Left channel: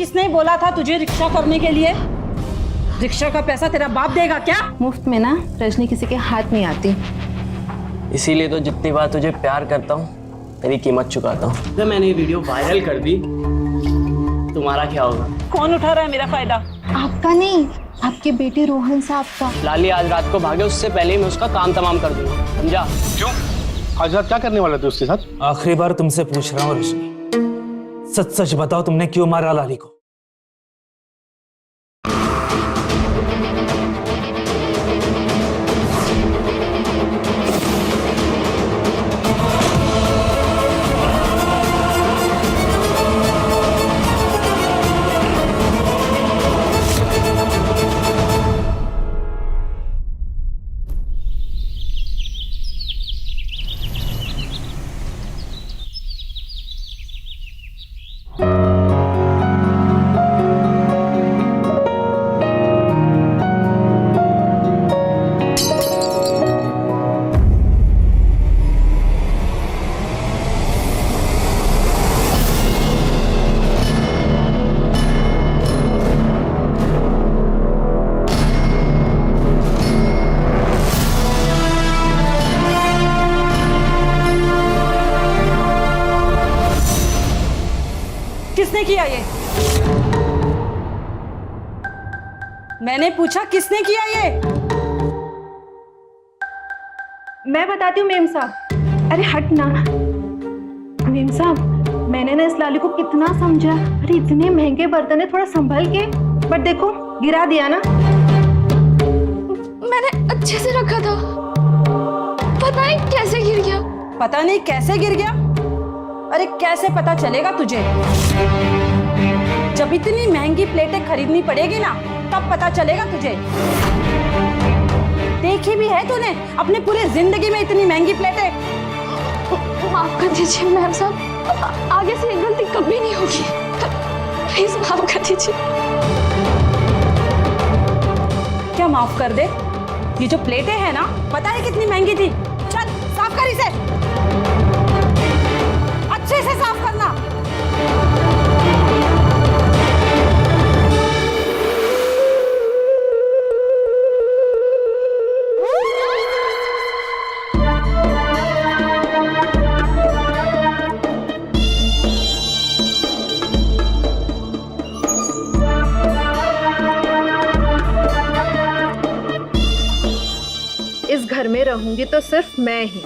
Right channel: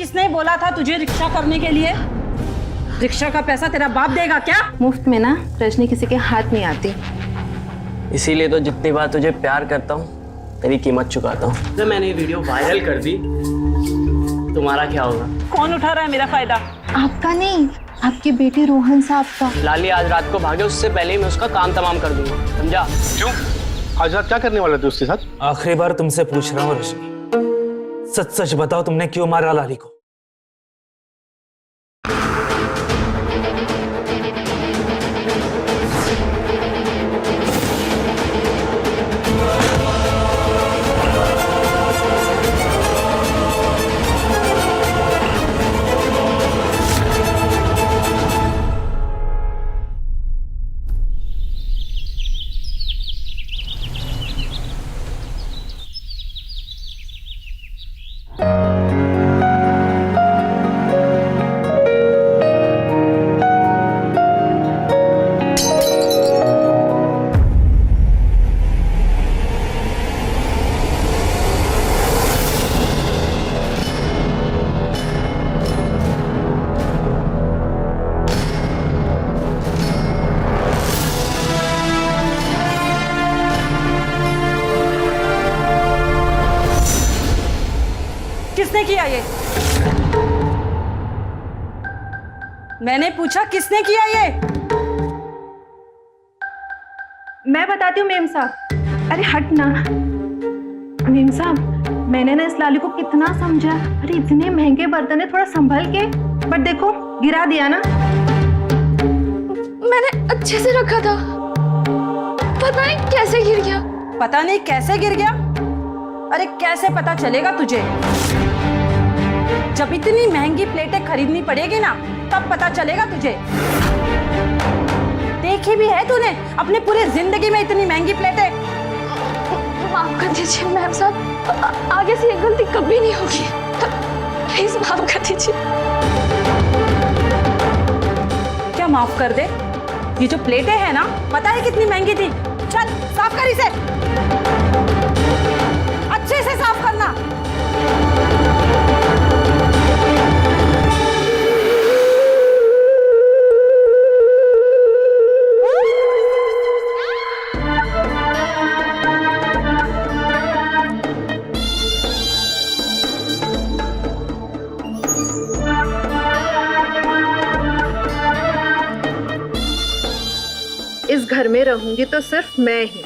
किसने बोला था तुझे रिक्शा करने के लिए? रिक्शा का पैसा तेरा बाप देगा क्या? मुफ्त में ना रजनी किसी के हाथ नहीं आती। इसीलिए तो जितनी बार तुझे प्यार करता हूँ तेरी कीमत चुकाता हूँ। जब मैंने ये वीडियो वायरल कर दी तुम्हारा क्या होगा? कौन उठा रहा है मेरा फायदा? आपका नहीं, आपके बेटे रोहन साहब का। लाली आज रात को भागे उससे पहले ही मैं उसका काम तमाम कर दूंगा, समझा? क्यों? आज रात क्या करने वाले थे उसके साथ? आखिरी बार तुमसे पूछ रहा हूँ रजनी, सच सच बताओ तुमने क्यों मारा लाली को? किसने किया ये? मैंने पूछा किसने किया ये? मैं बताती हूँ मेम साहब। अरे हट ना मेम साहब, मैंने ना इस लाली को कितना समझा। अरे इतने महंगे बर्तन है, थोड़ा संभल के। बट देखो गिरा दिया ना। मैंने अच्छे से रखा था, पता नहीं कैसे गिर गया। पता नहीं कैसे गिर गया? अरे कैसे पता चलेगा तुझे? जब इतनी महंगी प्लेटें खरीदनी पड़ेगी ना तब पता चलेगा तुझे। देखी भी है तूने अपने पूरे जिंदगी में इतनी महंगी प्लेटें? माफ कर दीजिए मैम साहब, आगे से ये गलती कभी नहीं होगी, प्लीज माफ कर दीजिए। क्या माफ कर दे? ये जो प्लेटें हैं ना, पता है कितनी महंगी थी? चल साफ कर इसे, अच्छे से साफ करना। इस घर में रहूंगी तो सिर्फ मैं ही।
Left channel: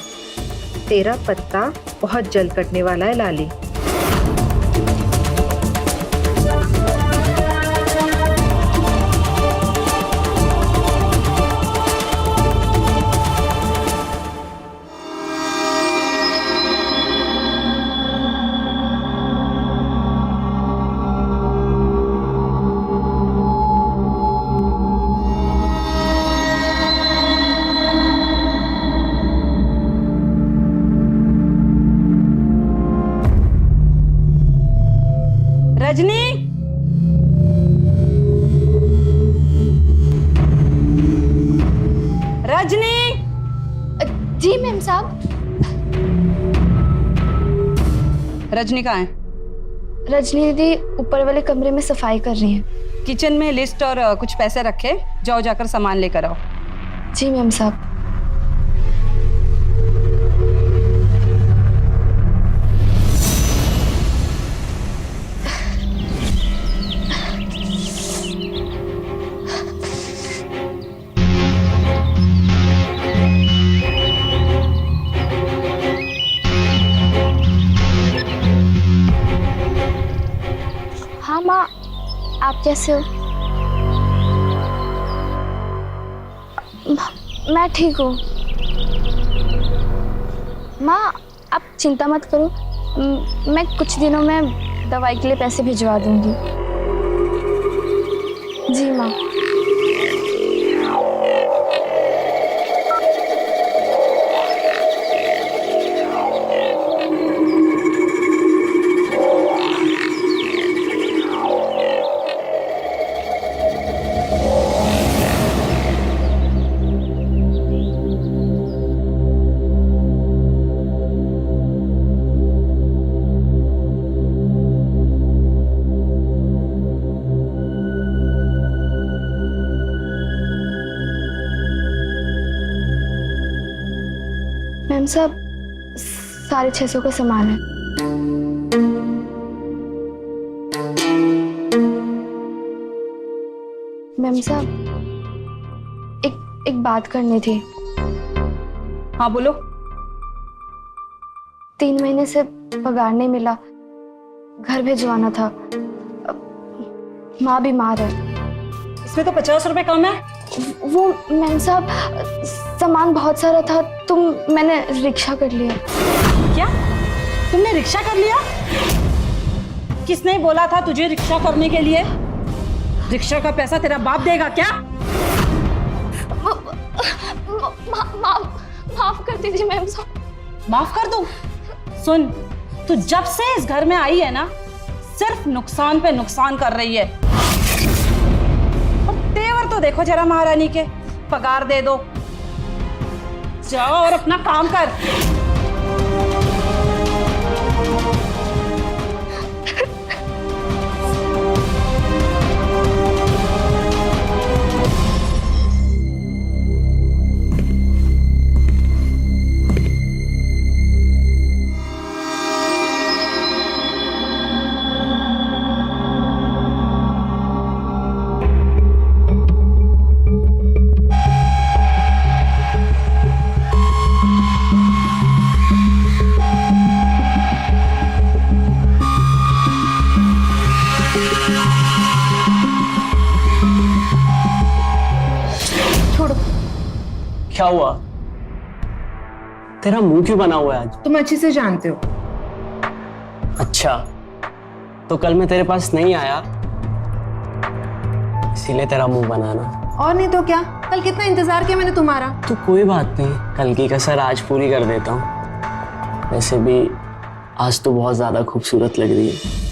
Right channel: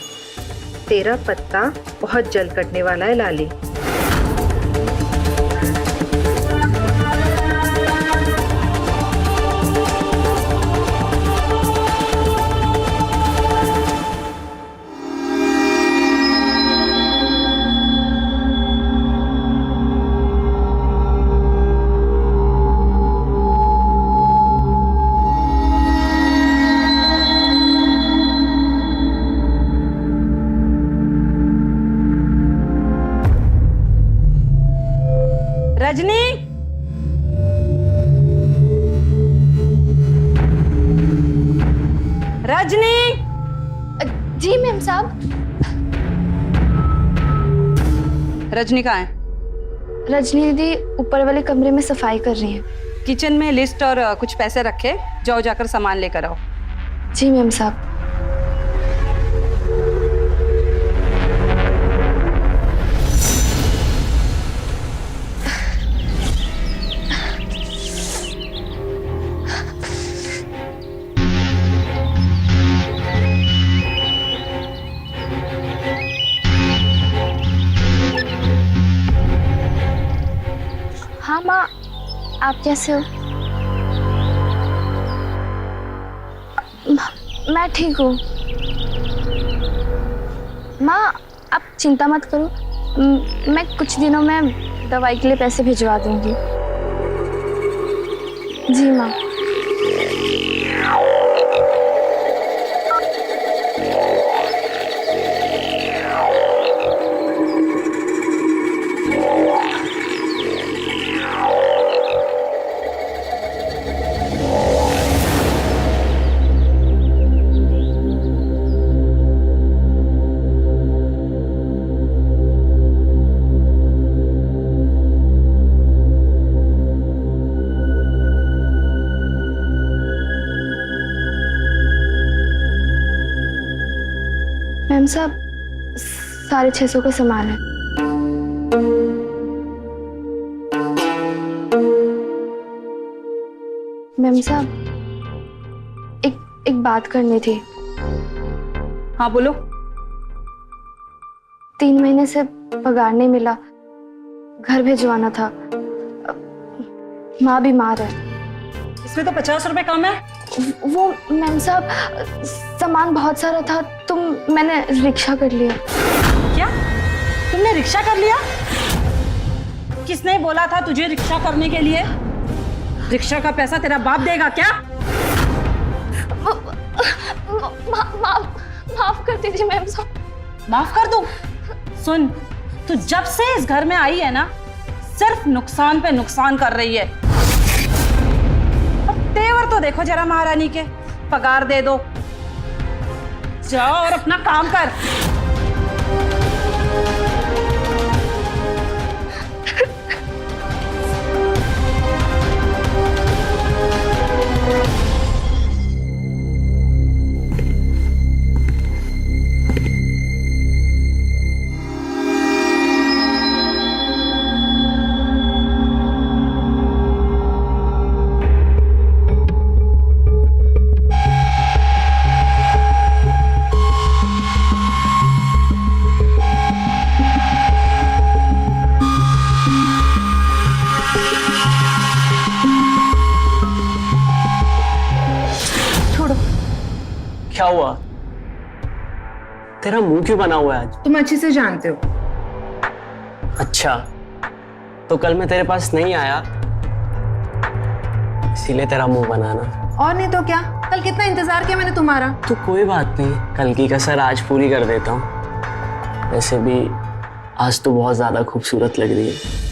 तेरा पत्ता बहुत जल्द कटने वाला है लाली। रजनी, रजनी। जी मैम साहब। रजनी कहाँ है? रजनी दीदी ऊपर वाले कमरे में सफाई कर रही हैं। किचन में लिस्ट और कुछ पैसे रखे, जाओ जाकर सामान लेकर आओ। जी मैम साहब। हाँ माँ, आप कैसे हो? मैं ठीक हूँ माँ, आप चिंता मत करो। मैं कुछ दिनों में दवाई के लिए पैसे भिजवा दूंगी। जी माँ। मैम साहब 650 का सामान है। मैम साहब एक बात करनी थी। हाँ बोलो। 3 महीने से पगार नहीं मिला, घर भिजवाना था। माँ बीमार है। इसमें तो 50 रुपए कम है। वो मैम साहब सामान बहुत सारा था तो मैंने रिक्शा कर लिया। क्या तुमने रिक्शा कर लिया? किसने बोला था तुझे रिक्शा करने के लिए? रिक्शा का पैसा तेरा बाप देगा क्या? माफ कर दीजिए मैम साहब। माफ कर दूं? सुन, तू जब से इस घर में आई है ना, सिर्फ नुकसान पे नुकसान कर रही है। और तेवर तो देखो जरा महारानी के। पगार दे दो, जाओ और अपना काम कर। क्या हुआ? तेरा मुंह क्यों बना हुआ है आज? तुम अच्छे से जानते हो। अच्छा, तो कल मैं तेरे पास नहीं आया इसीलिए तेरा मुंह बनाना। और नहीं तो क्या, कल कितना इंतजार किया मैंने तुम्हारा। तो कोई बात नहीं, कल की कसर आज पूरी कर देता हूँ। वैसे भी आज तो बहुत ज्यादा खूबसूरत लग रही है।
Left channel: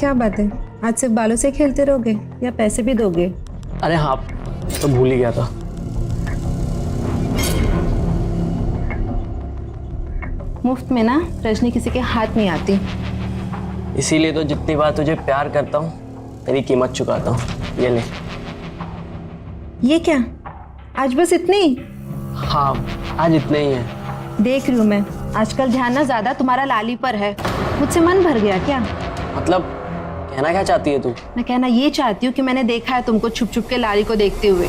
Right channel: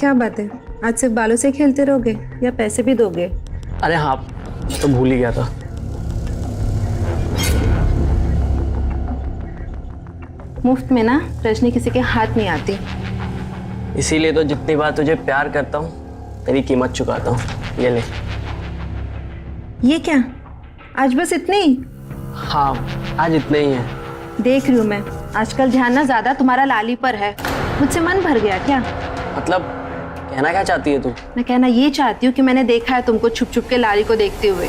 क्या बात है, आज सिर्फ बालों से खेलते रहोगे या पैसे भी दोगे? अरे हाँ, मैं तो भूल ही गया था। मुफ्त में ना रजनी किसी के हाथ नहीं आती। इसीलिए तो जितनी बार तुझे प्यार करता हूँ तेरी कीमत चुकाता हूँ। ये ले। ये क्या, आज बस इतनी? हाँ, आज इतने ही है। देख रही हूँ मैं, आजकल ध्यान ना ज्यादा तुम्हारा लाली पर है। मुझसे मन भर गया क्या? मतलब कहना क्या चाहती है तू? मैं कहना ये चाहती हूँ कि मैंने देखा है तुमको छुप छुप के लाली को देखते हुए।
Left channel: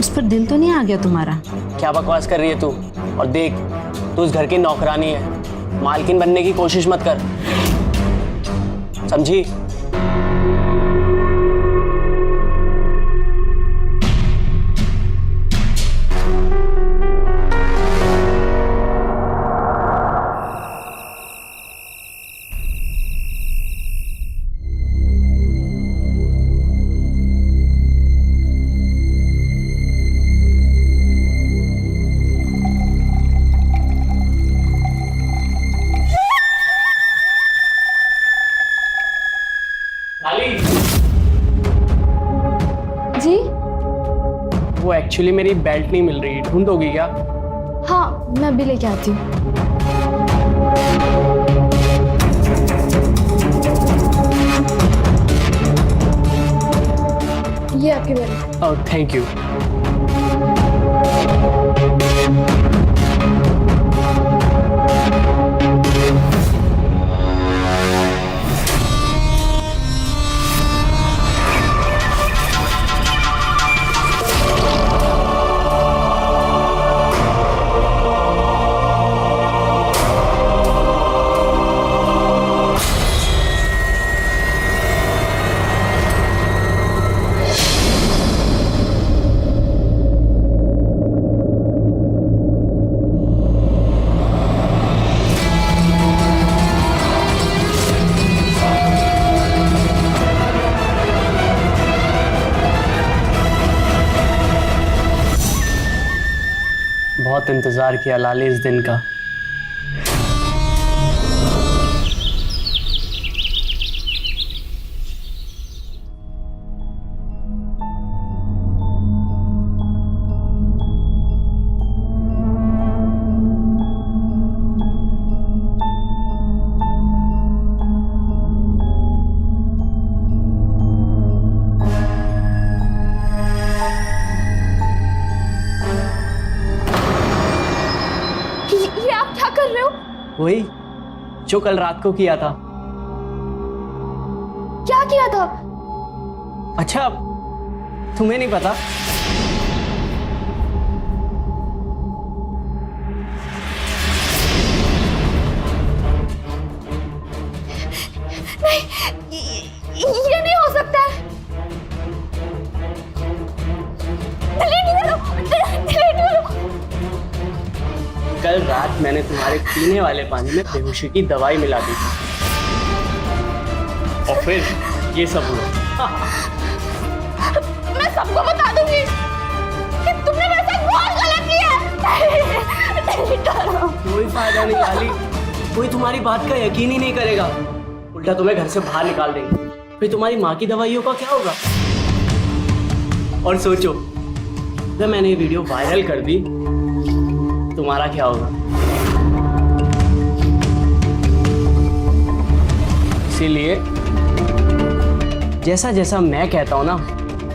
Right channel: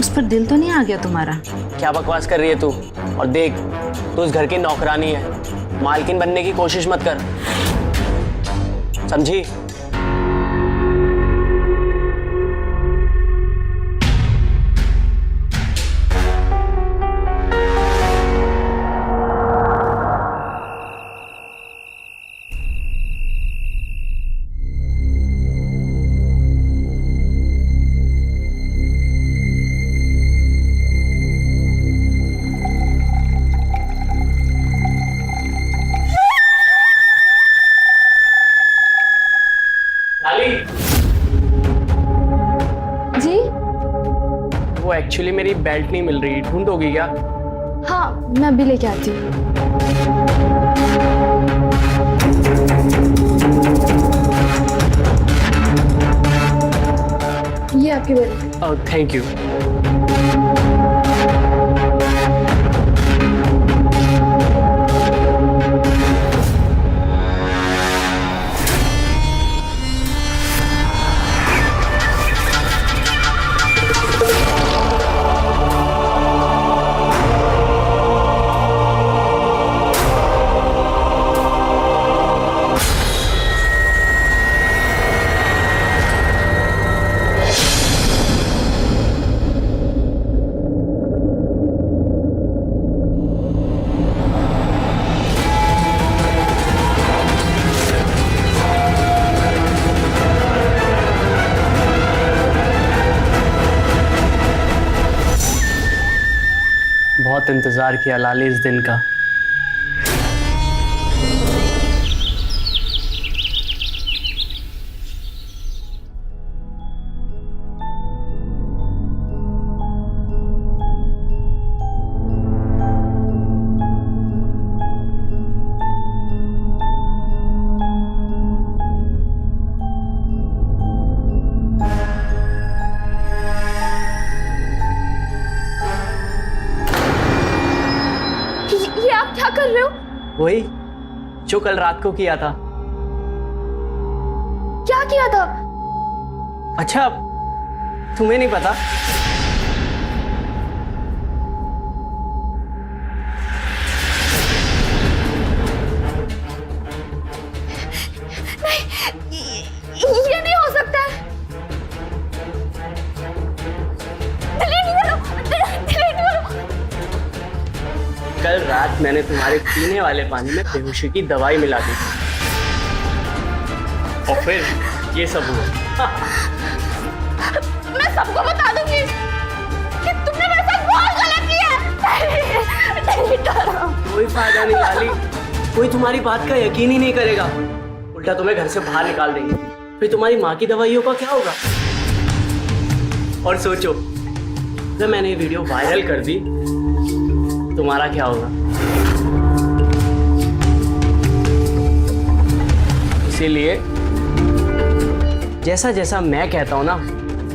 उस पर दिल तो नहीं आ गया तुम्हारा? क्या बकवास कर रही है तू? और देख, तू इस घर की नौकरानी है, मालकिन बनने की कोशिश मत कर, समझी? जी वो एक्चुअली मेरी बेल्ट नहीं मिल रही, ढूंढोगी क्या? हाँ, मैं अभी लेके आती हूँ। ये आपकी बेल्ट। Oh thank you. बहुत इंतजार किया लाली इस दिन का। क्या कर रहे हो? वही जो कल रात को किया था। क्या किया था? अच्छा, तुम्हें नहीं पता? ये नहीं हो सकता है। डिलीट करो, डिलीट करो। कल रात मैंने तुम्हारे पीने वाले पानी में बेहोशी की दवाई मिला दी थी और फिर ये सब हुआ। मैं सबको बता दूंगी कि तुमने मेरे साथ बहुत गलत किया है। डिलीट करो। कोई फायदा नहीं लाली, कोई तुम्हारी बात का यकीन ही नहीं करेगा, उल्टा तुम्हें घर से बाहर निकाल देंगे। फिर तुम्हारी माँ की दवाइयों का क्या होगा? और सोचो, अगर मैंने ये वीडियो वायरल कर दी, तुम्हारा क्या होगा? इसीलिए जैसा जैसा मैं कहता हूं ना,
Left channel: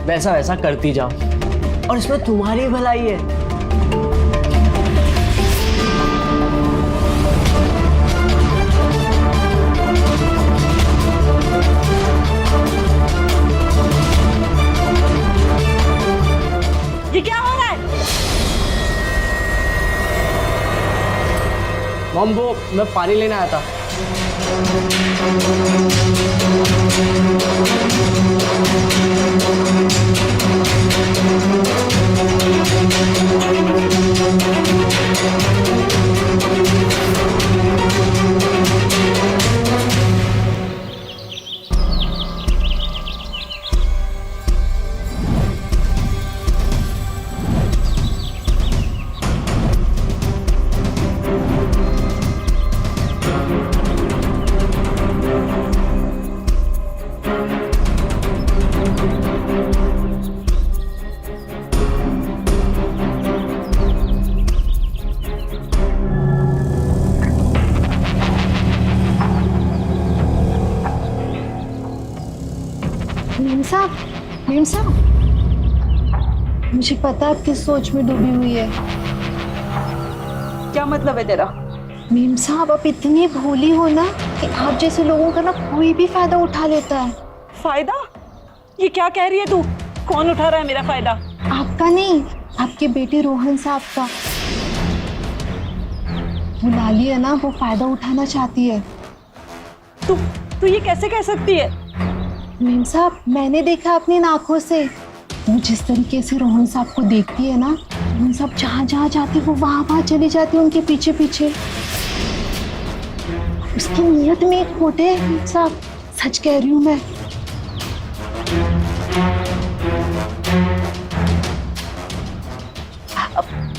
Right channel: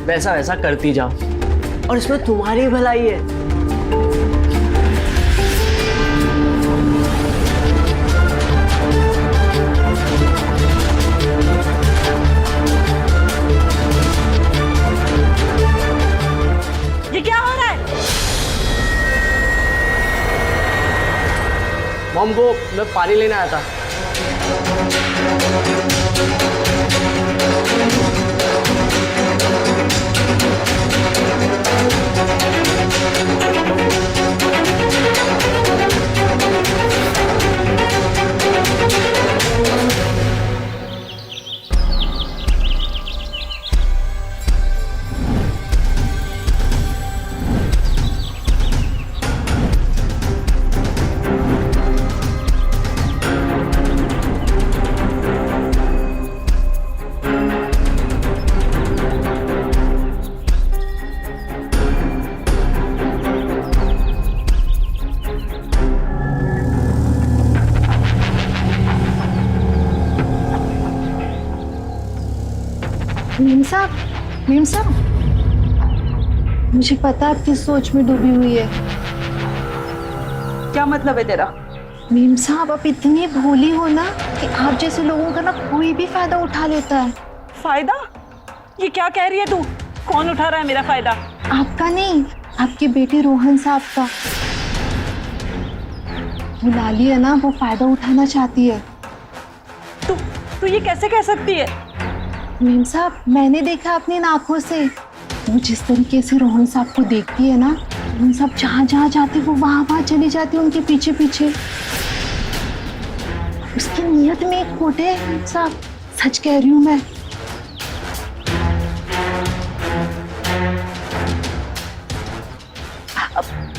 वैसा वैसा करती जाओ, और इसमें तुम्हारी भलाई है। ये क्या हो रहा है? मॉम, वो मैं पानी लेने आया था। मेम साहब, मुझे पता है आप किस सोच में डूबी हुई है। क्या मतलब है तेरा? मेम साहब, आप इतनी भोली हो ना कि आप जैसे लोगों का ना कोई भी फायदा उठा लेता है। फायदा? ये क्या कह रही है तू? कौन उठा रहा है मेरा फायदा? आपका नहीं, आपके बेटे रोहन साहब का। वो लाली है ना, वो फायदा उठाना चाहती है। तू ये कैसे कह सकती है? मेम साहब, मैंने देखा अपनी आंखों से। वो जिस तरीके से रोहन साहब को देखती है ना, रोहन साहब जहाँ जहाँ जाते वो वहाँ चली जाती है उनके पीछे पीछे। उसकी नीयत में एक खोट है मेम साहब, सच कह रही हूँ मैं।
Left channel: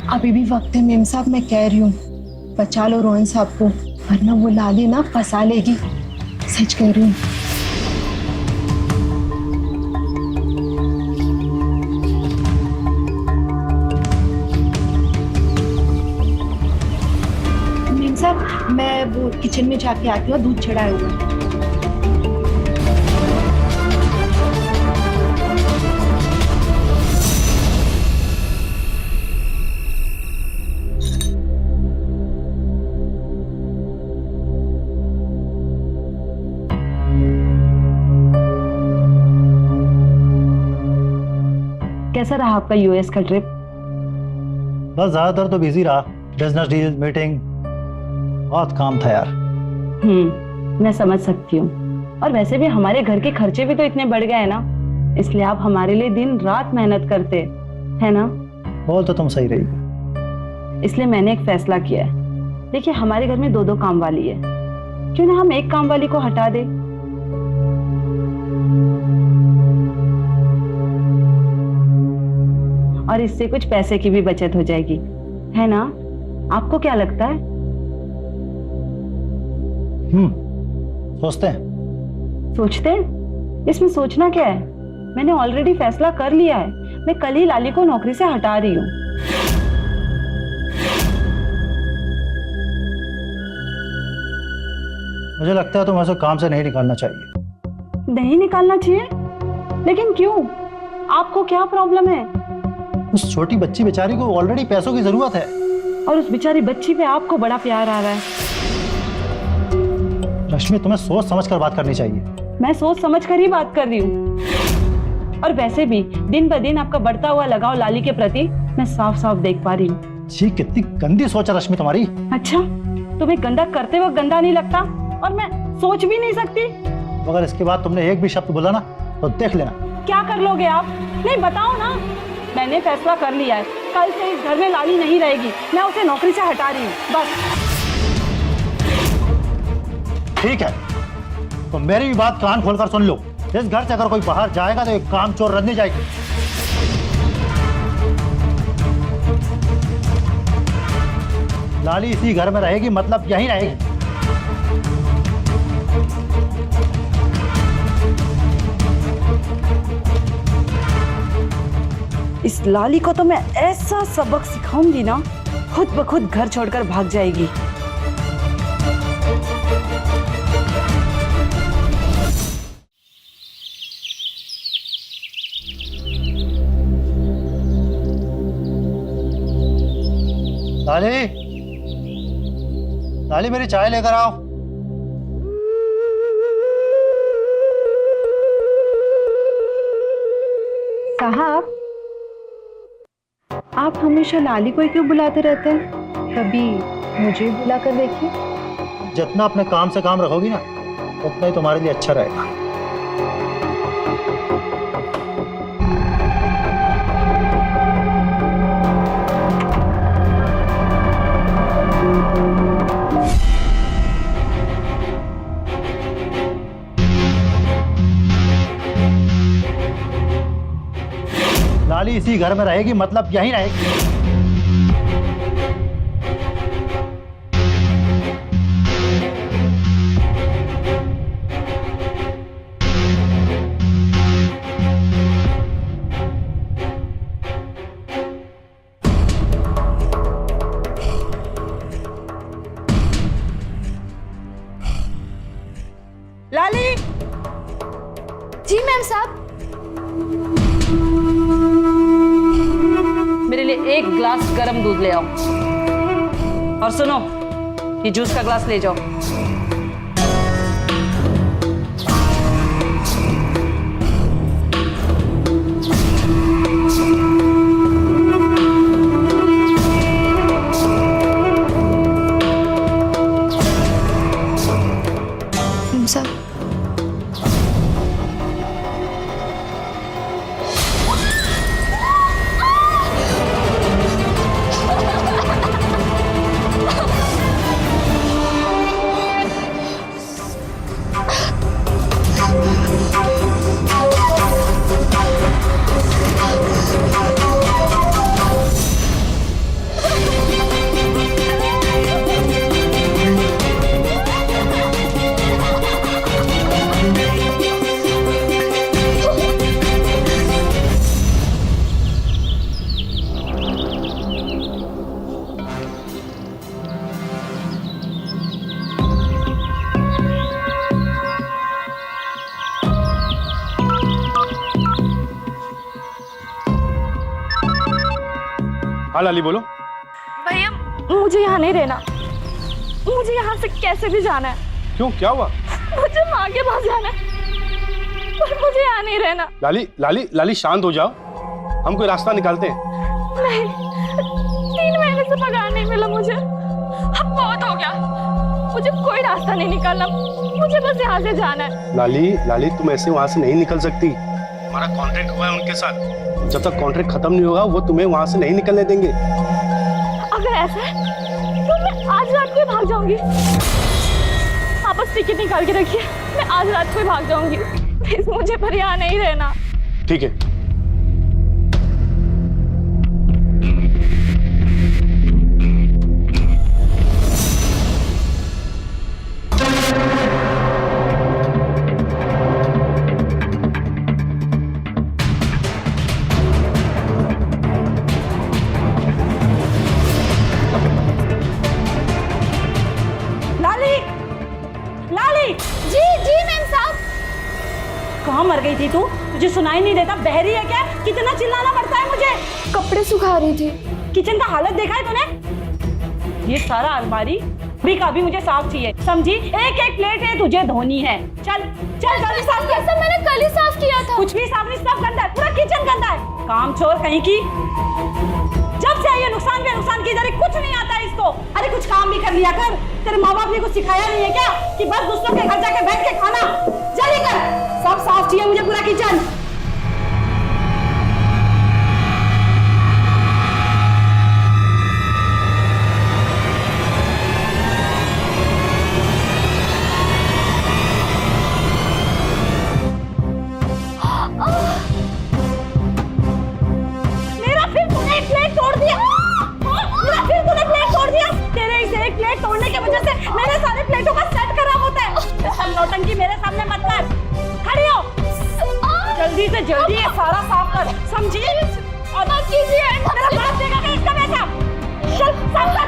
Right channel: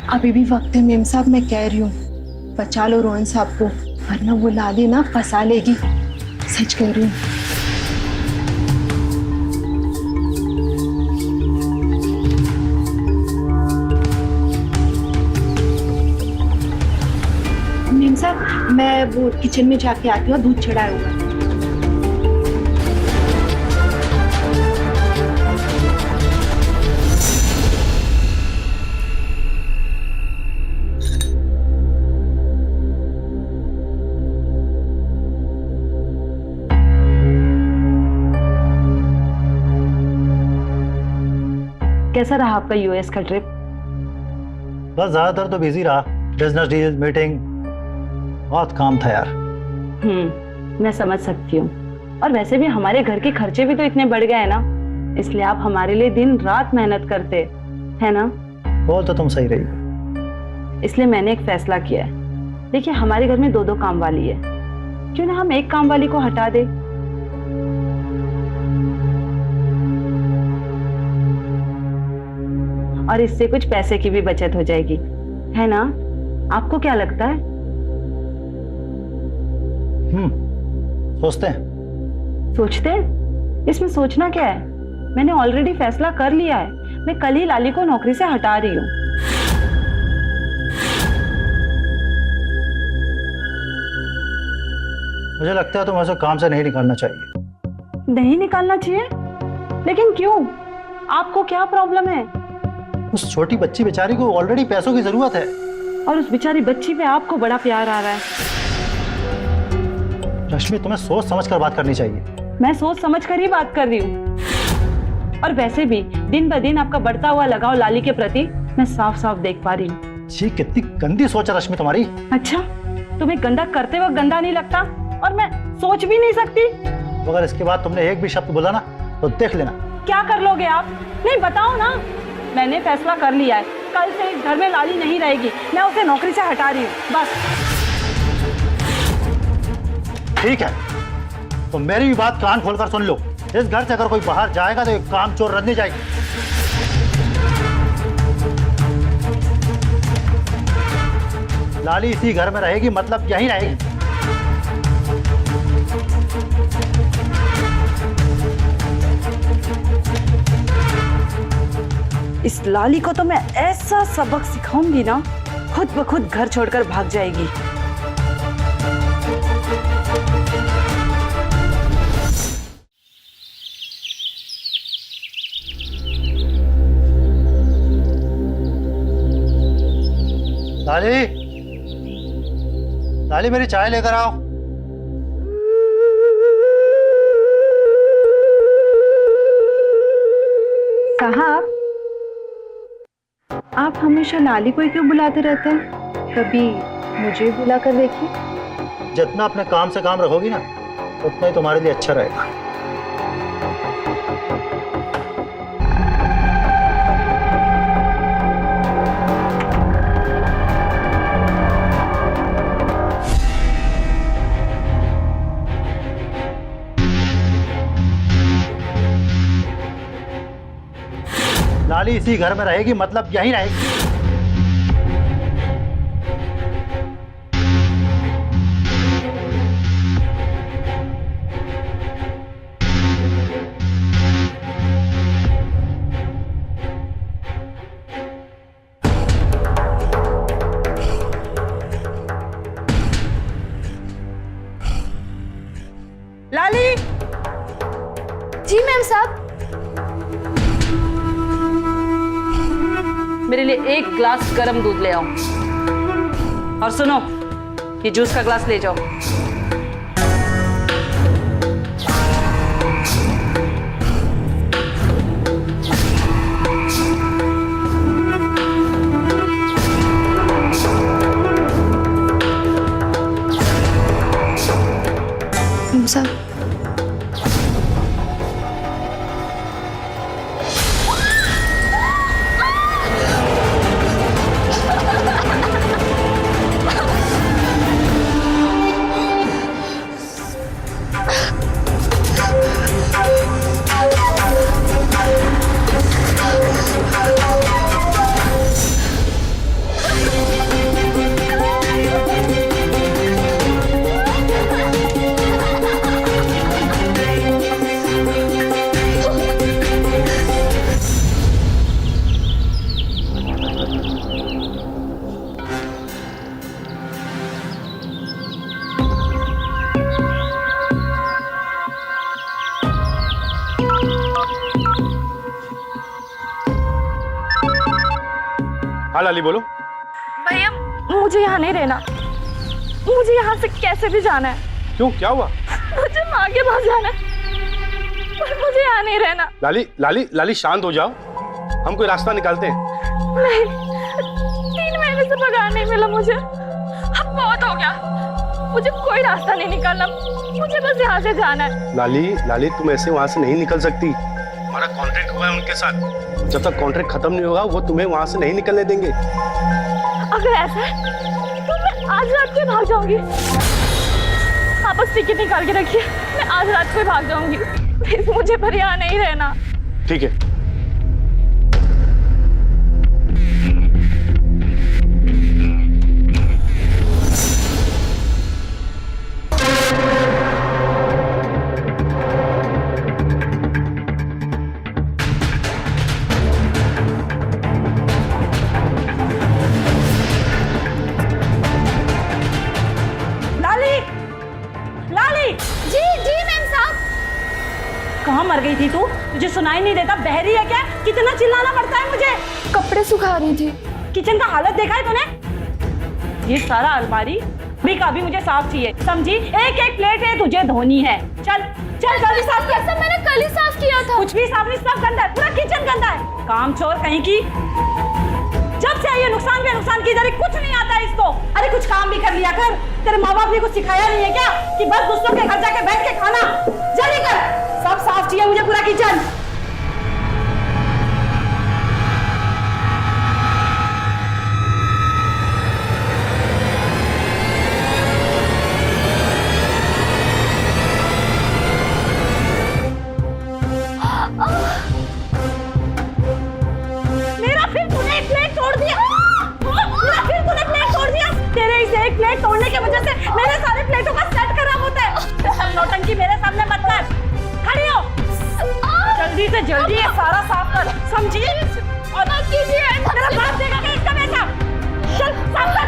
अभी भी वक्त है मेम साहब, मैं कह रही हूँ बचा लो रोहन साहब को, वरना वो लाली ना फंसा लेगी। सच कह रही हूँ। मेम साहब, मैं वो किचन में जाके आती हूँ, दूध चढ़ाया हुआ है। कैसा रहा आपका यूएस का ट्रिप? बस ज्यादातर तो बिजी रहा, बिजनेस डील, मीटिंग, बहुत काम था यार। मैं समझ सकती हूँ। और वैसे भी हमारे घर के खर्चे भी तो इतने बढ़ गए हैं ना, इसलिए आप हमारे लिए दिन रात मेहनत करते है ना? बोल तो तुम सही रही। इसलिए मैंने एक फैसला किया है। देखिए, हमारे घर में 2-2 काम वाली है, क्यों ना हम एक काम वाली को हटा दे। और इससे कुछ पैसे की भी बचत हो जाएगी, है ना? आपको क्या लगता है? सोचते हैं। सोचते हैं? इसमें सोचना क्या है? मैंने ऑलरेडी फैसला कर लिया है। मैं कल ही लाली को नौकरी से हटा रही हूँ। मुझे लगता है तुम्हें उसे काम से नहीं निकालना चाहिए। नहीं निकालना चाहिए? लेकिन क्यों? आपको क्या प्रॉब्लम है? उस छोटी बच्ची बेचारी को ऑलरेडी पैसों की जरूरत है। और उस बेचारी बच्ची पे आपको बड़ा प्यार आ रहा है। रश्मि, तुम्हें सोच समझ कर बात करनी चाहिए। मैं सोच समझ कर ही बात कर रही हूँ। और वैसे भी दिन ब दिन आपका बढ़ता हुआ लगाव लाली के प्रति मैं साफ साफ देख पा रही हूँ। जी, कितनी गंदी सोच है रश्मि तुम्हारी। अच्छा, तुम्हें गंदा करते वक्त गंदा नहीं लगता और मैं सोच भी नहीं सकती? अगर इसके बाद तुमने एक भी शब्द बोला ना तो देख लेना। क्या कर लोगे आप? नहीं बताओ ना। मैंने फैसला कर लिया है, कल से इस घर में लाली नहीं रहेगी। मैं उसे नौकरी से हटा रही हूँ, बस। ठीक है, तो मेरी भी बात कान खोलकर सुन लो। इस घर से अगर कोई बाहर जाएगा तो एक काम चोर रंधी जाएगी। लाली इसी घर में रहेगी, मतलब यहीं रहेगी। इस लाली को तो मैं ऐसा सबक सिखाऊंगी ना, खुद ब खुद घर छोड़कर भाग जाएगी। लाली, लाली मेरी चाय लेकर आओ। साहब, आप हमेशा लाली को ही क्यों बुलाते रहते हैं? कभी मुझे बुला कर देखिए। जितना अपने काम से काम रखोगी ना, उतना ही तुम्हारे लिए अच्छा रहेगा। लाली इसी घर में रहेगी, मतलब यहीं रहेगी। लाली! जी मैम साहब। मेरे लिए एक ग्लास गरम दूध ले आओ। और सुनो, ये जूस का ग्लास ले जाओ। मैम साहब, हाँ लाली बोलो। भैया मुझे यहाँ नहीं रहना। मुझे यहाँ से कैसे भी जाना है। क्यों, क्या हुआ? मुझे माँ के पास जाना है, पर मुझे यहाँ नहीं रहना। लाली लाली लाली शांत हो जाओ, हम कोई रास्ता निकालते हैं। नहीं, 3 महीने से पगार नहीं मिला मुझे। अब बहुत हो गया, मुझे कोई रास्ता नहीं निकालना। मुझे बस यहाँ से जाना है। लाली लाली तुम ऐसे वहां से नहीं निकल सकती। हमारा कॉन्ट्रैक्ट हुआ है उनके साथ, जब तक कॉन्ट्रैक्ट खत्म नहीं होगा वो तुम्हें वहां से नहीं निकलने देंगे। अगर ऐसा है तो मैं आज रात को ही भाग जाऊंगी। आप बस टिकट निकाल के रखिए, मैं आज रात को ही भाग जाऊंगी। प्लीज मुझे पर यहाँ नहीं रहना। ठीक है। कहाँ मर गई थी तू? तुझे सुनाई नहीं देता? बहरी है क्या? कितना चिल्लाना पड़ता है मुझे? कपड़े सुखा रही थी। किचन का हालत देखा है तूने? ये सारा अलमारी भी का भी मुझे साफ चाहिए, समझी? एक एक प्लेट है तुझे धोनी है। चल चल जल्दी साफ कर। सब मैंने कल ही साफ किया था। कुछ भी साफ नहीं, सब गंदा है, पूरा किचन गंदा है। काम चोर कहीं की। जब से आई है नुकसान पे नुकसान की जा रही, कुछ नहीं आता है इसको। अरे कुछ काम भी कर लिया कर। तेरे माँ बाप ने कुछ सिखाया नहीं है क्या कि बस दूसरों के घर जाके बैठ के खाना? जल्दी कर, सब साफ चाहिए मुझे पूरा किचन। मेरा फिर तूने एक प्लेट तोड़ दिया। मेरा फिर तूने प्लेट तोड़ दिया। तेरे इस एक प्लेट तोड़ने की वजह से मेरे सारे प्लेटों का सेट खराब होता है। सब नौटंकी मेरे सामने मत कर। खड़ी हो, जल्दी से जल्दी ये सारा साफ कर, समझी? और मत कीजिए, मेरा बाप देगा कि इसका पैसा। चल साफ कर।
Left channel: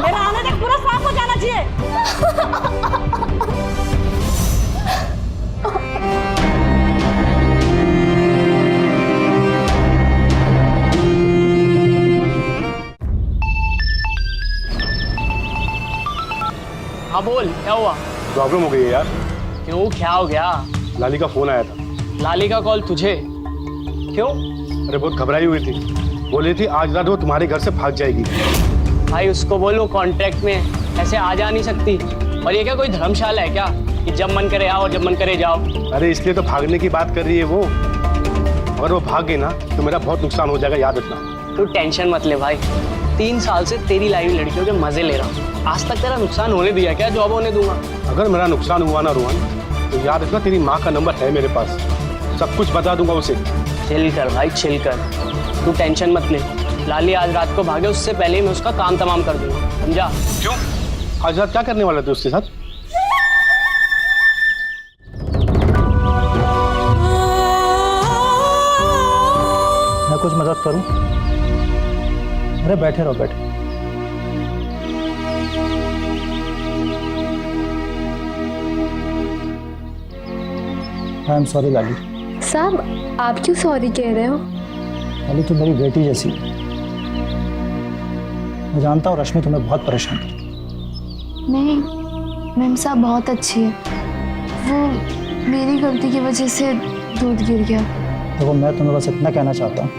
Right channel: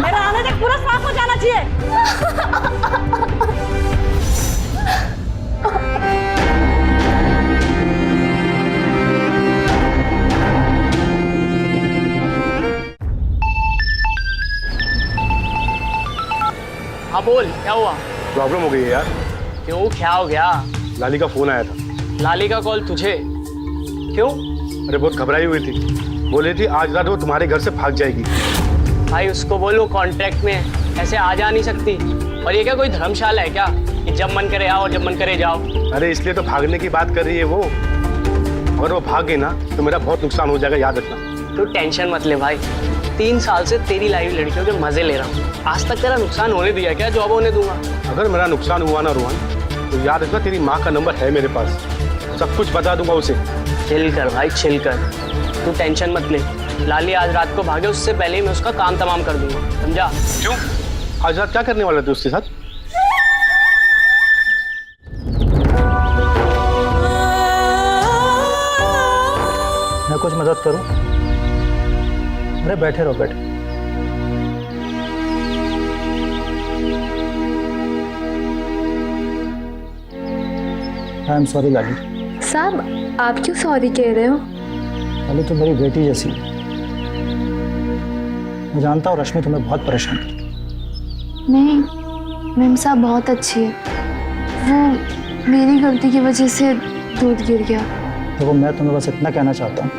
मेरा आने तक पूरा साफ हो जाना चाहिए। हाँ बोल, क्या हुआ? प्रॉब्लम हो गई है यार। क्यों, क्या हो गया? लाली का फोन आया था। लाली का कॉल तुझे? क्यों? अरे बहुत घबराई हुई थी, बोल रही थी आज रात वो तुम्हारे घर से भाग जाएगी। भाई उसको बोलो कॉन्ट्रैक्ट में ऐसे आ जा नहीं सकती। और ये क्या कोई धर्मशाला है क्या कि जब मन करे आओ और जब मन करे जाओ? अरे इसलिए तो भागने की बात कर रही है वो। अगर वो भाग गई ना तो मेरा बहुत नुकसान हो जाएगा, याद रखना। तू टेंशन मत ले भाई, 3 साल से तेरी लाइव लड़कियों के मजे ले रहा हूँ। आज तक तेरा नुकसान होने दिया क्या? जॉब होने दूंगा। अगर मेरा नुकसान हुआ ना रोहन, तो याद रखना तेरी माँ का नंबर है मेरे पास, सब कुछ बता दूंगा उसे। चिल कर भाई, चिल कर, तू टेंशन मत ले। लाली आज रात को भागे उससे पहले ही मैं उसका काम तमाम कर दूंगा, समझा? क्यों? आज रात क्या करने वाले थे उसके साथ? मैं कुछ मदद करूं? अरे बैठे रहो, बैठे। आई एम सॉरी लाली। साहब आप क्यों सॉरी कह रहे हो? लाली तुम मेरी बेटी जैसी हो। मैं जानता हूँ रश्मि तुम्हें बहुत परेशान करती है। नहीं, मेम साहब बहुत अच्छी है। वो मेरी गलती की वजह से दूध गिर गया। देखो मैं तुम्हें बस इतना कहना चाहता हूँ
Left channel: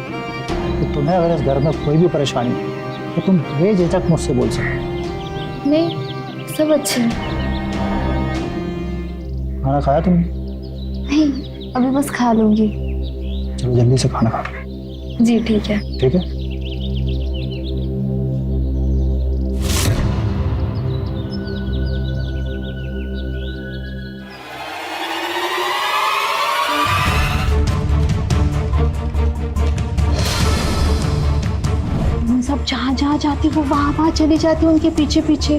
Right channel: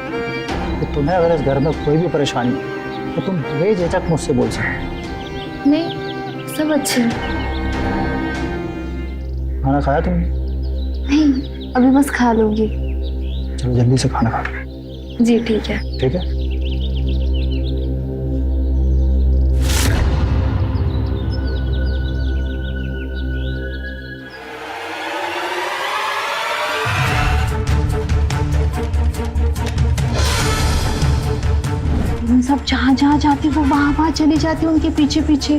कि तुम्हें अगर इस घर में कोई भी परेशानी है तो तुम बेझिझक मुझसे बोल सकते। नहीं, सब अच्छे हैं। खाना खाया तुमने? नहीं, अभी बस खा लूंगी। चलो जल्दी से खाना खा लो। जी ठीक है। ठीक है। सब जहाँ जहाँ जाती वो वहाँ वहाँ चली जाती उनके पीछे पीछे।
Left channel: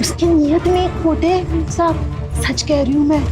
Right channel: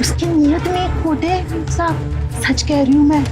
उसकी नीयत में एक खोट है साहब, सच कह रही हूँ मैं।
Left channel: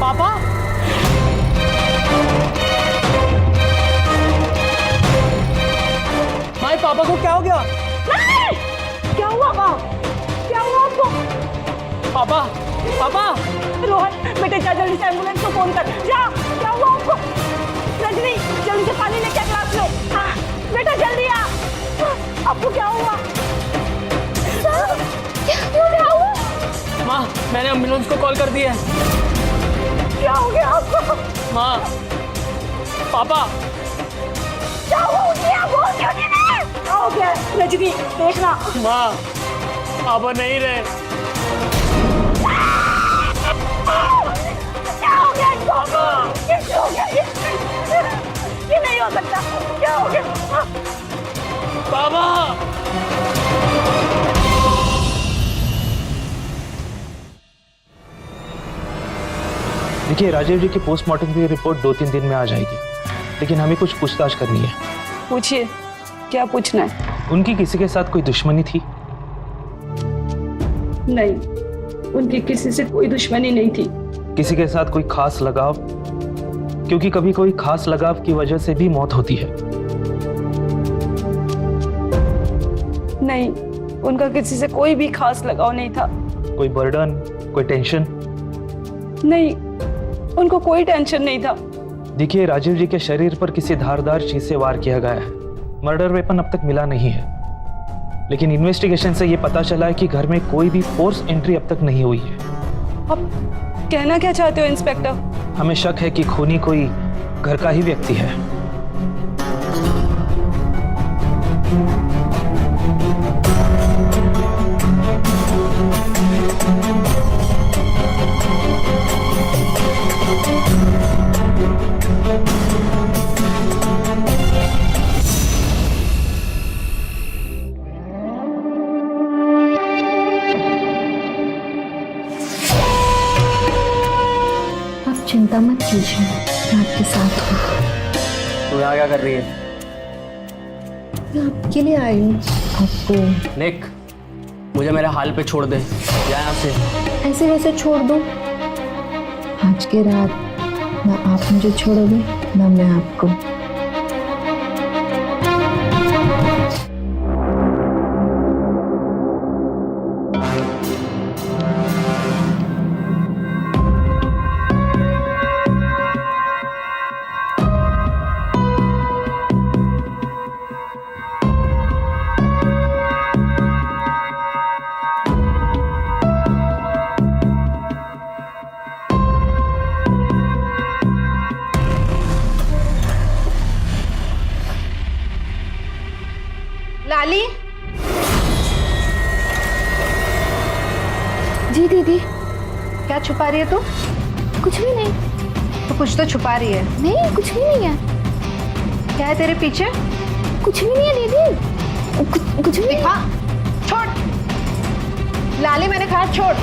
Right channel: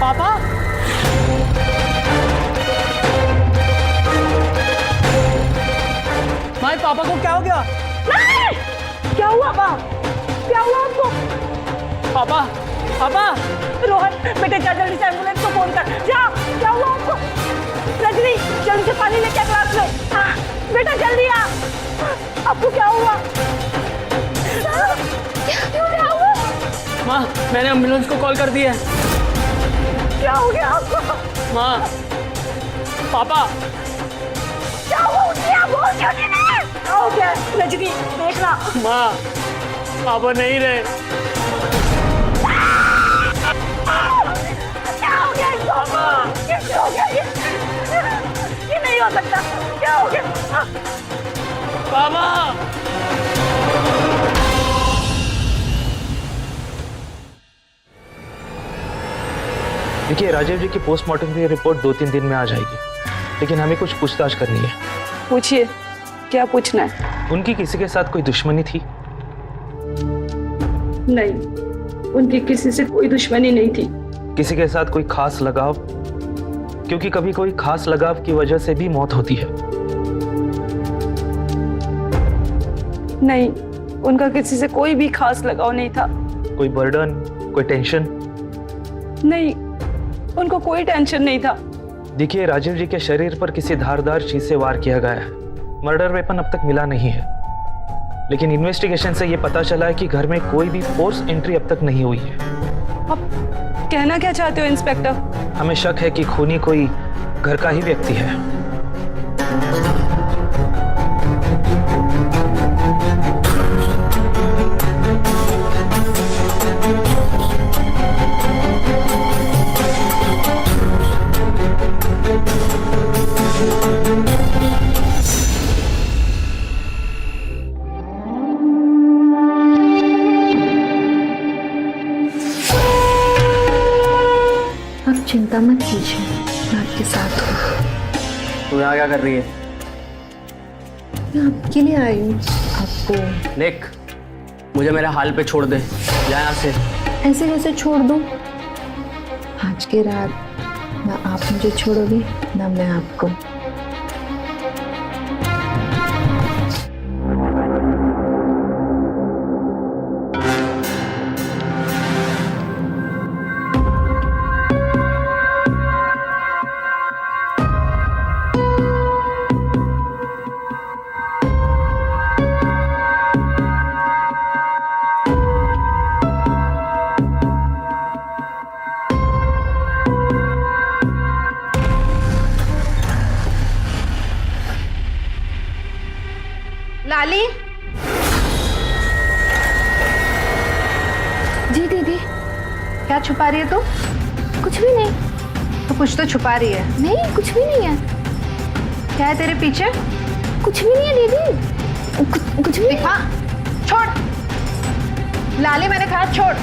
पापा? माय पापा को क्या हो गया? क्या हुआ बाप? क्या हुआ आपको? पापा, पापा! रोहन बेटे जा जल्दी से एम्बुलेंस को फोन कर। जा, क्या हुआ आपको? रजनी जल्दी से पानी लेके ग्लास में। हाँ, बेटा जल्दी आ। आपको क्या हुआ? क्या हुआ? माँ मैंने एम्बुलेंस को कॉल कर दिया है। क्या हो गया आपको? माँ, पापा, क्या हुआ? उठिए, आप बोल क्यों नहीं रहे? क्या हो गया? रजनी देखना। माँ, पापा नहीं रहे। क्या हो गया इनको? कैसे हो गया ये नहीं हो सकता। क्या हो गया? पापा, देखिए, राजीव जी की पोस्टमार्टम की रिपोर्ट 2-3 दिन में आ जाएगी, लेकिन हमें कुछ पूछताछ करनी है। पूछिए, क्या पूछना है? उनकी किसी के साथ कोई दुश्मनी थी? नहीं, उनकी किसी से कोई दुश्मनी नहीं थी। किसी के साथ कोई खास लगाव? क्योंकि कभी कोई खास लगाव की वजह से भी मौत होती है। नहीं, उनका किसी से कोई भी खास लगाव नहीं था। कोई बर्डन, कोई टेंशन? नहीं, उनको कोई टेंशन नहीं था। देखिए, राजीव जी के शरीर पर किसी धारदार चीज से वार किया गया है। मर्डर वेपन अब तक मिला नहीं है, लेकिन इन्वेस्टिगेशन से यह पता चला है कि घर में कोई भी फोर्स एंट्री अब तक नहीं हुई है। अब कहना क्या चाहते हो इंस्पेक्टर? हमें शक है कि खूनी कोई घर का ही व्यक्ति है। आप चिंता मत कीजिए, मैं आपके साथ हूँ। तू यहाँ क्या कर रही है? मैं आपके लिए आई हूँ। आपको निक, मुझे मेरे हाल पे छोड़ दे, जा यहाँ से। ऐसे वैसे छोड़ दूँ? आज की रात ना आप मुझे छोड़ोगे ना मैं आपको। लाली, जी दीदी। क्या छुपा रही है तू? कुछ भी नहीं। तो कुछ तो छुपा रही है। नहीं, कुछ भी नहीं है। क्या है तेरे पीछे? कुछ भी नहीं है दीदी। कुछ भी नहीं। दिखा, छोड़। लाली, मैंने कहा छोड़।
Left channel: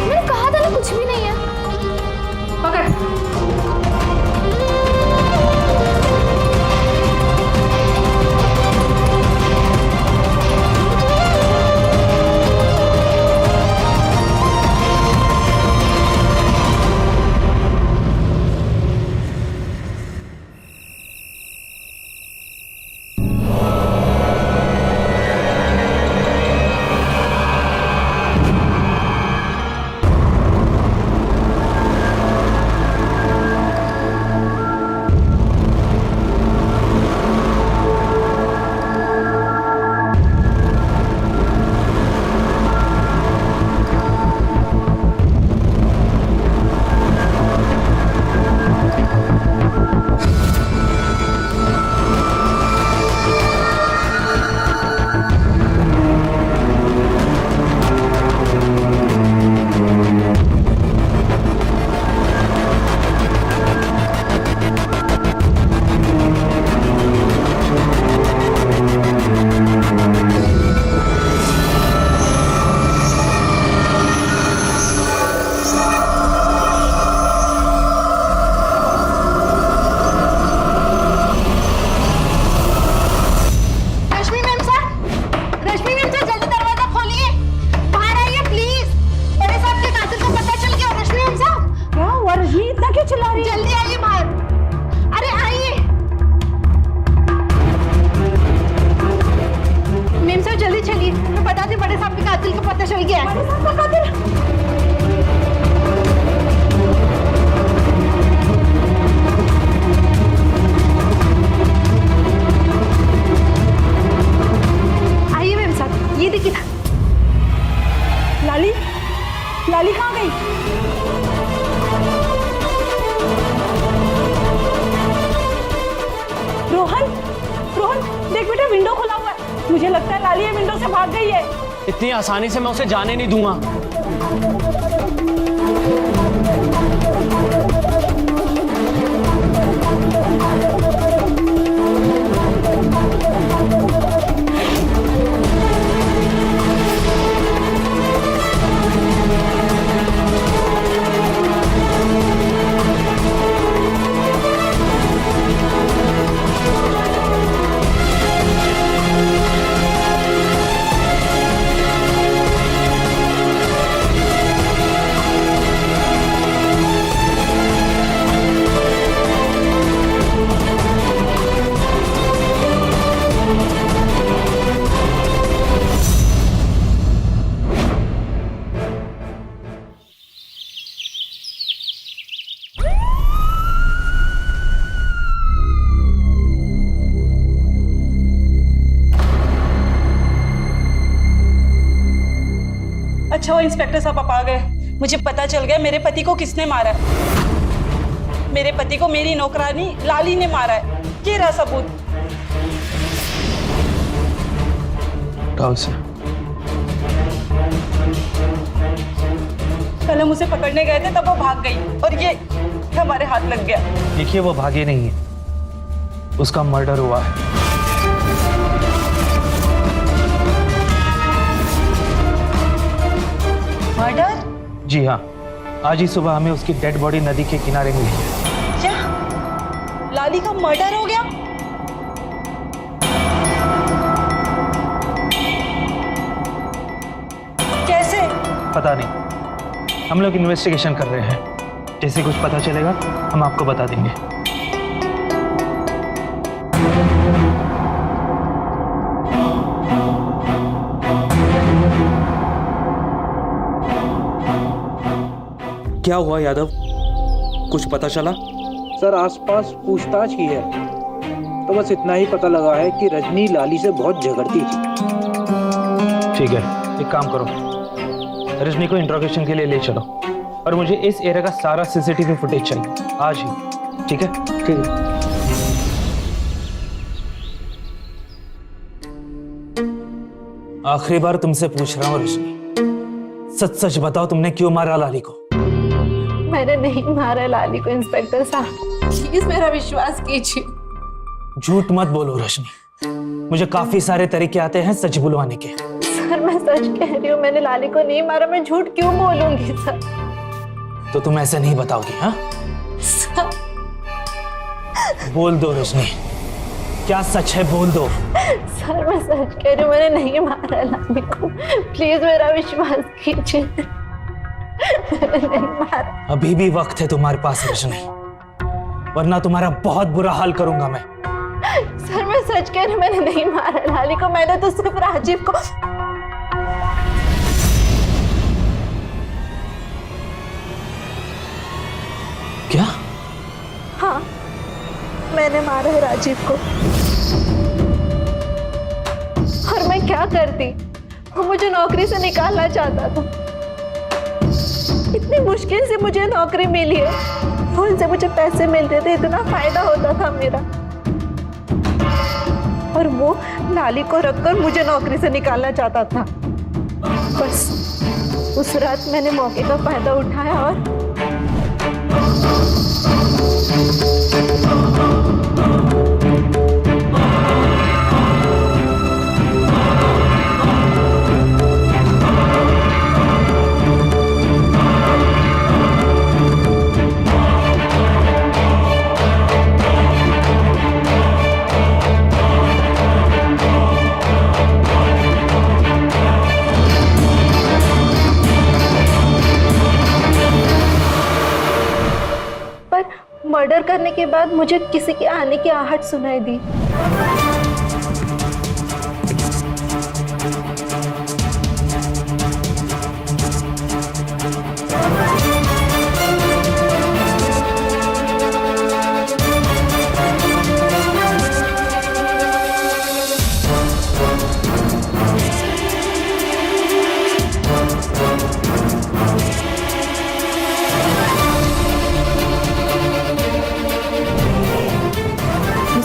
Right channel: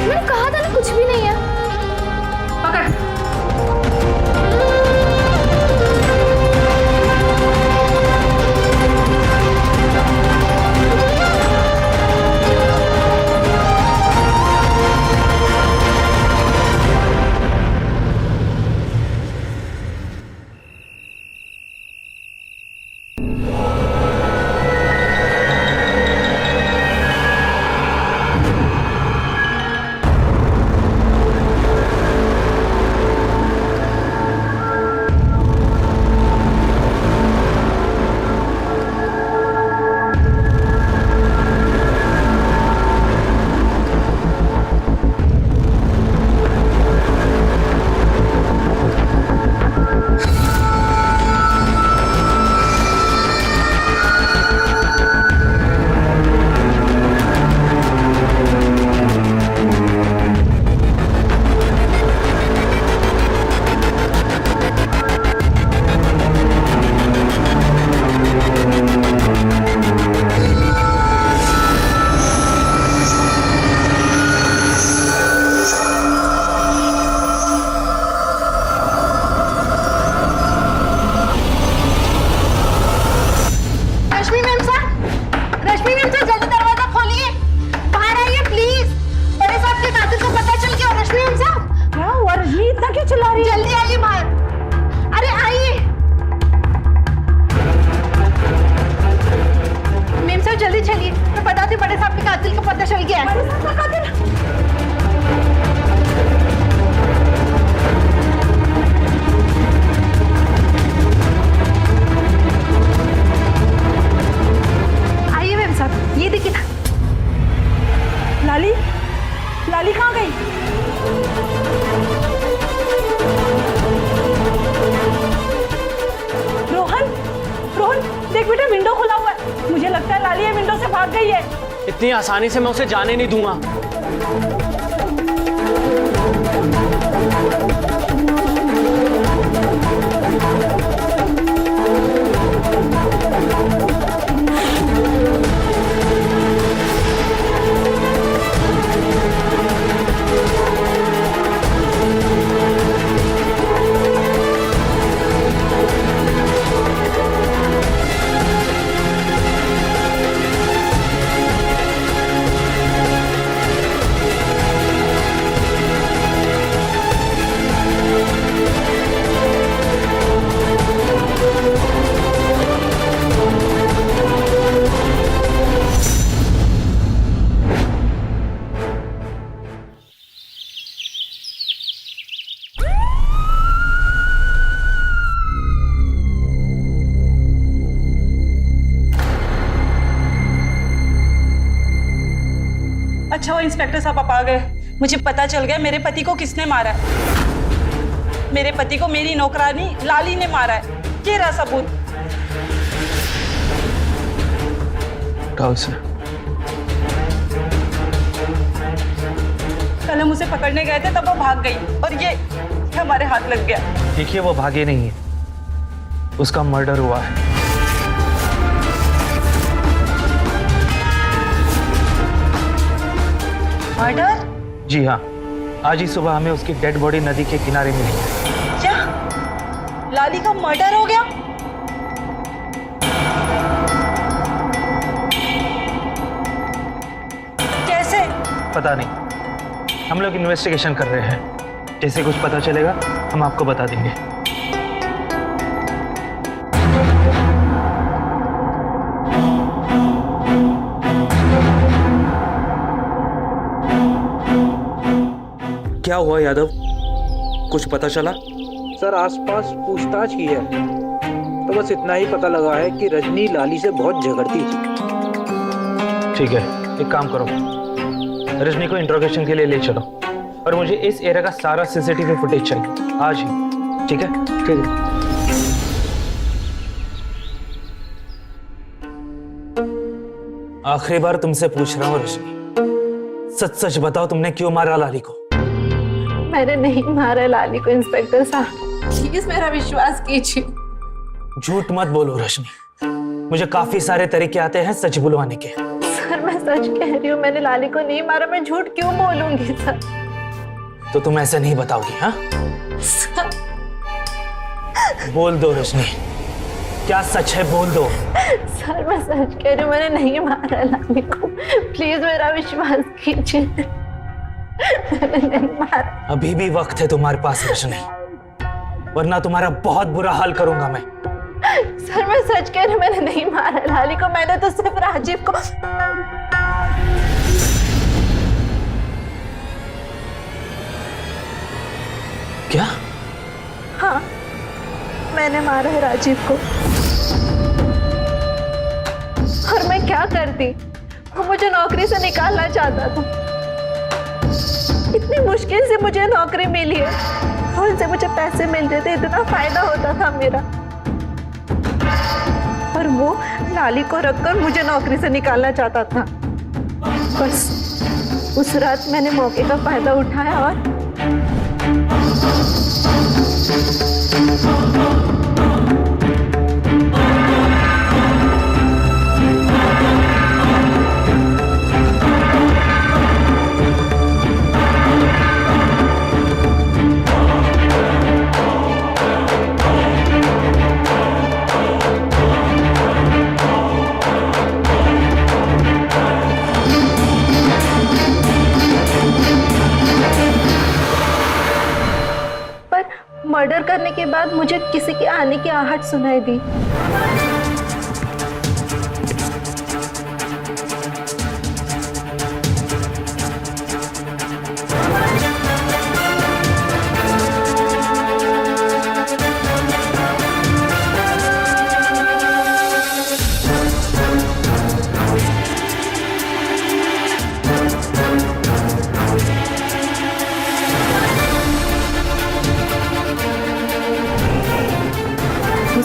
मैंने कहा था ना कुछ भी नहीं है। पकड़। रोहन, रोहन देख बेटा, विंडो खुला हुआ है। मुझे लगता है लाली ये विंडो से भाग गई है। इतनी आसानी से मैं उसे जाने नहीं दूंगा। अच्छा वो इंस्पेक्टर साहब आप आ गए। मुझे पता चल गया मेरे पति को किसने मारा है। मेरे पति को मेरी नौकरानी लाली ने मारा है। ये रहा सबूत। उठाओ इसे। कल हम उसे पकड़ने गए थे तब वो भाग गई और ये हमारे हाथ लग गया। देखिए वो भागे नहीं है, उसका मर्डर हुआ है। मर्डर? जी हाँ, आज ही सुबह हमें उसकी डेड बॉडी नदी के किनारे मिली है। क्या लाली का मर्डर हो गया? कैसे? पता नहीं, हम लोग इन्वेस्टिगेशन कर रहे हैं। जैसे कुछ पता चलेगा हम आपको बता देंगे। क्या हुआ यादव, कुछ पता चला? सर आसपास पूछताछ की है तो बस इतना ही पता लगा है कि रजनी लाली से बहुत झगड़ती थी। ठीक है, एक काम करो, रजनी को इंट्रोगेशन के लिए ले चलो और मुझे इस एरिया का सारा सीसीटीवी फुटेज चाहिए आज ही। ठीक है? ठीक है। आखिरी बार तुमसे पूछ रहा हूँ रजनी, सच सच बताओ तुमने क्यों मारा लाली को? मैंने नहीं मारा लाली को इंस्पेक्टर साहब, प्लीज मेरा विश्वास कीजिए। झूठ मत बोलो रजनी, मुझे काफी सारे तरीके आते हैं सच बुलवाने के। सर मैं सच कह रही हूँ, मैंने लाली को नहीं मारा। मैं झूठ क्यों बोलूंगी सर? तो तुम ऐसे नहीं बताओगी? हाँ सर, बोल दो रजनी, क्या सच है? बोल दो। सर मैं सच कह रही हूँ, मैंने नहीं मारा लाली को, प्लीज मेरा विश्वास कीजिए। मैंने नहीं मारा। अभी भी वक्त है तुम्हारे पास रजनी, वरना तुम्हारा बहुत बुरा हाल करूंगा मैं। सर मैं सच कह रही हूँ, मैंने नहीं मारा लाली को। मैंने तो सिर्फ राजीव को। क्या? हाँ मैंने मारा है राजीव को। और मैं क्या करती, वो मुझे नौकरी से निकालना चाहता था। इतनी मुश्किल से मुझे नौकरी मिली है, उनसे मुझे पैसे मिलते थे, इतना फायदा होता था मेरा, और वो लाली को रखकर मुझे नौकरी से निकालना चाहता था। बस उस रात मैंने मौके का फायदा उठाया और मर्डर करने के बाद मुझे किसी के आने की आहट सुनाई दी।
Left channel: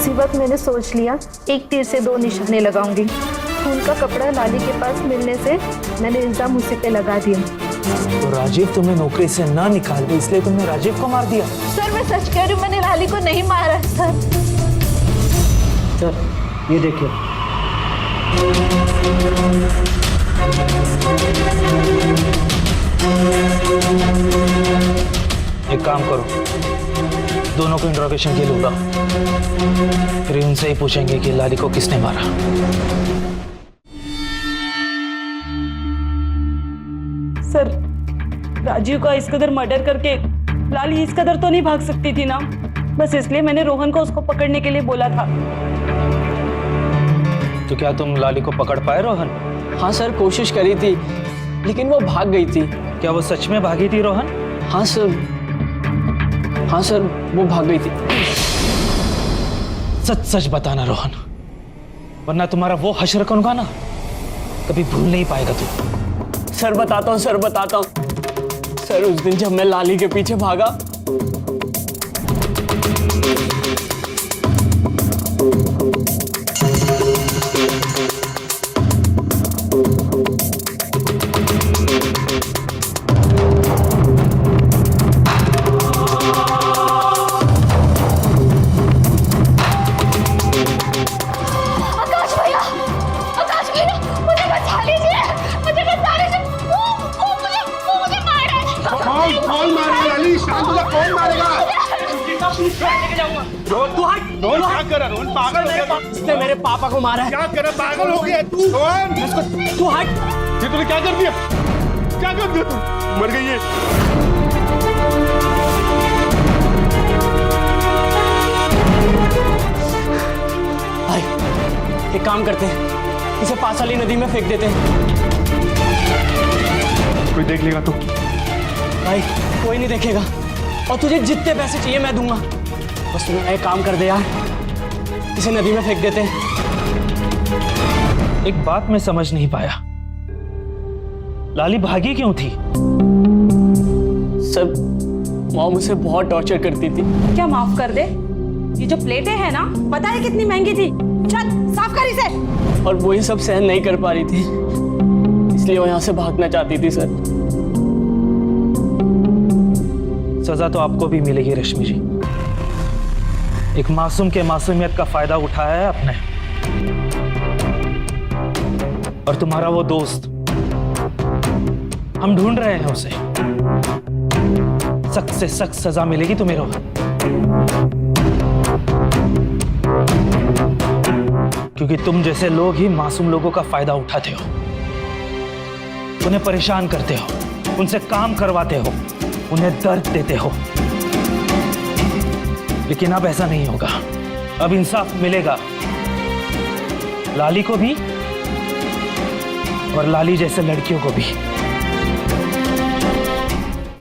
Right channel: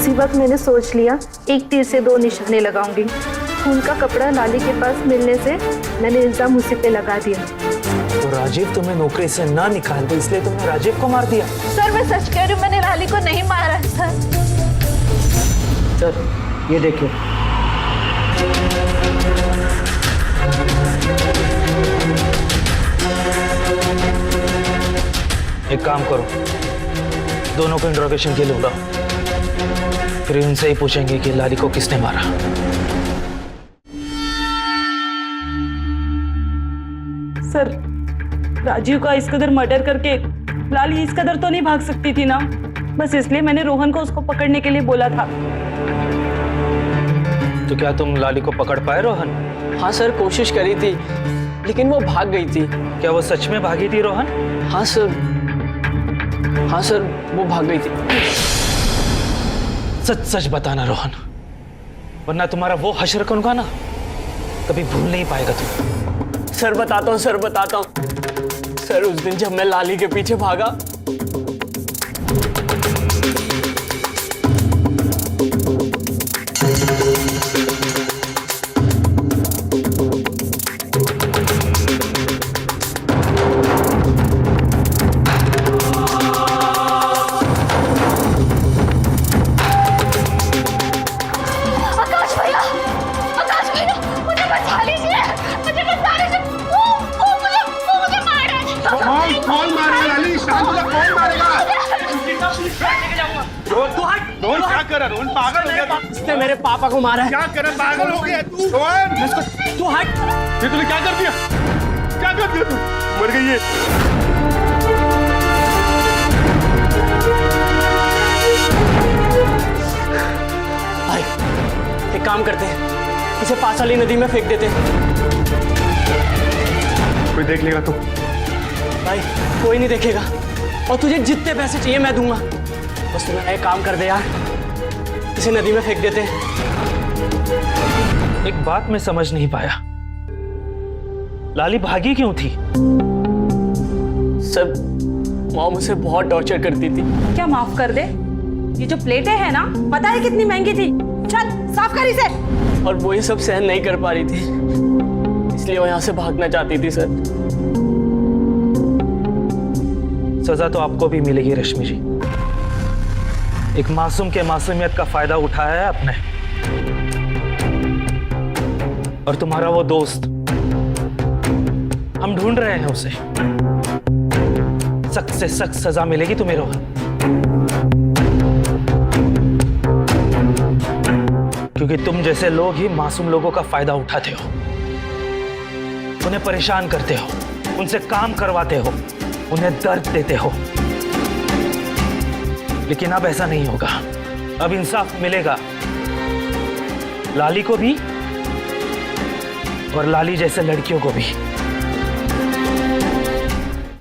उसी वक्त मैंने सोच लिया, एक तीर से दो निशाने लगाऊंगी। खून का कपड़ा लाली के पास मिलने से मैंने इल्जाम उसी पे लगा दिया। तो राजीव तुम्हें नौकरी से ना निकाल दे इसलिए तुमने राजीव को मार दिया? सर मैं सच कह रही हूँ, मैंने लाली को नहीं मारा है सर। सर ये देखिए, एक काम करो, दोनों को इंट्रोगेशन के लिए बुलाओ, फिर उनसे ही पूछेंगे कि लाली को किसने मारा। सर, राजीव का इस कदर मर्डर करके लाली इस कदर तो नहीं भाग सकती थी ना, बस इसलिए मैंने रोहन को उसको पकड़ने के लिए बोला था। तो क्या तुम लाली को पकड़ पाए रोहन? हाँ सर, कोशिश करी थी लेकिन वो भाग गई थी। क्या वो सच में भागी थी रोहन? हाँ सर, हाँ सर, वो भाग गई थी। सच सच बताना रोहन, वरना तुम्हारा वो हश्र करूंगा ना, कभी भूल नहीं पाएगा तू। सर बताता हूँ, सर बताता हूँ। सर उस दिन जब मैं लाली के पीछे भागा, आकाश भैया, मुझे बचा लीजिए, मुझे बचा लीजिए। वो मुझे मार रहा है। कौन मारेगा लाली? शांत हो जा, कौन मारेगा? रोहन क्या कर रहा है? रोहन पागल हो गया? इसने मेरे पापा को मारा है। क्या कर रहा है? पागल हो गया तू? रोहन तू हट। ये तूने क्या कर दिया? क्या कर दिया तू? मर गई है। भाई एक काम करते हैं, इसे पास वाली नदी में फेंक देते हैं। कोई देख लेगा तो? भाई कोई नहीं देखेगा, और तुझे जितने पैसे चाहिए मैं दूंगा, बस तू मेरा एक काम कर दे यार, इसे नदी में फेंक देते हैं। एक बात मैं समझ नहीं पाया, लाली भागी क्यों थी? सर मॉम उसे बहुत टॉर्चर करती थी। क्या माफ कर दे, ये जो प्लेटें हैं ना, पता है कितनी महंगी थी? चल साफ कर इसे। और वो ये सब सहन नहीं कर पा रही थी, इसलिए वो यहाँ से भागना चाहती थी। सर सजा तो आपको भी मिलेगी रश्मि जी। एक मासूम के मासूमियत का फायदा उठाया है आपने, और तुम्हारा वो दोस्त, हम ढूंढ रहे हैं उसे। सख्त से सख्त सजा मिलेगी तुम्हें रोहन, क्योंकि तुम जैसे लोग ही मासूम लोगों का फायदा उठाते हो, उन्हें परेशान करते हो, उनसे काम करवाते हो, उन्हें दर्द देते हो। लेकिन अब ऐसा नहीं होगा, अब इंसाफ मिलेगा लाली को भी और लाली जैसे लड़कियों को भी।